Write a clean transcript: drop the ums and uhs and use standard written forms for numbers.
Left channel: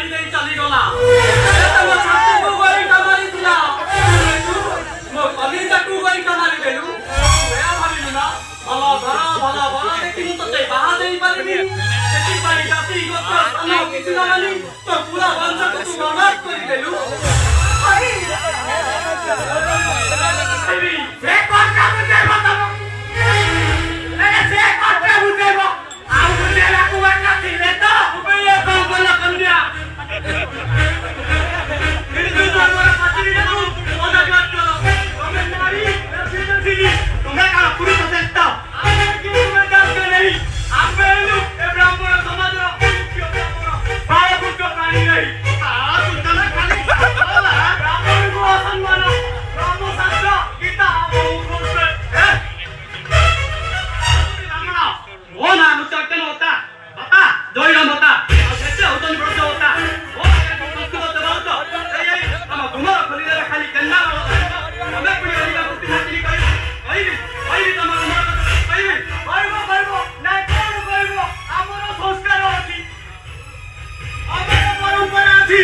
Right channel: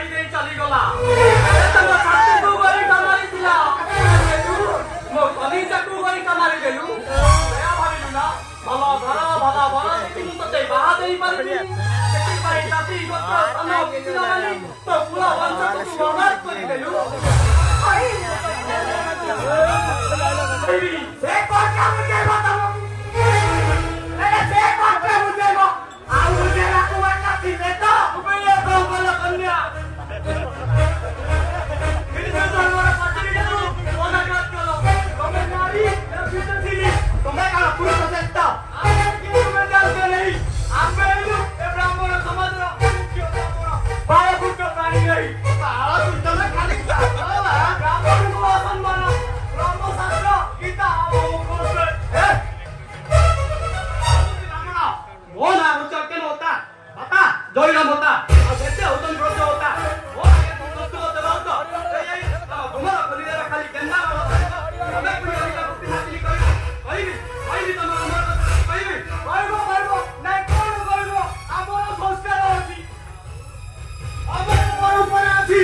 मारी नहीं चली गला मो कली चाकू वाली कमारी गेलु मेरा भाबिलु ना भला भरा देखि मु तते बाहा देई पारिनी सेठी पाई जाति गोत्र अन्न किछि नाली तो पूरा वंश को तू अनाथ कर देलु से कोटा मुझे बताओ मेरे से कोटा मुझे आओ मुझे को वाटा थी रे तो ये तो वाला कर दिया मेरे से हमारा पार्टी ने वादा कर चलो तुम्हें नारी फिर तुम्हें का पूरी तो देता अरे कि तुम्हें जान के नहीं आप मेरे लोग ए ब्राह्मण समाज रो मुख्य ब्राह्मण बाय मुख्य प्राणी नहीं सारा तुझे ना खाली ब्राह्मण को सम्मान ब्रह्मशास्त्र गीता वो कोसे है ब्राह्मण वो ना मुझे क्या होता बता जोइरम होता और जैसे उतन ब्रज होता वो संस्कृत दबाव तो ये हम गुमर खोली दे खाली गन्ना हमें पुरी वाली का मुक्ति हासिल करी भाई तम गुमर कहिबी भाईबो ना कोन भाईबो हमर संस्कार होती हमर परंपरा थी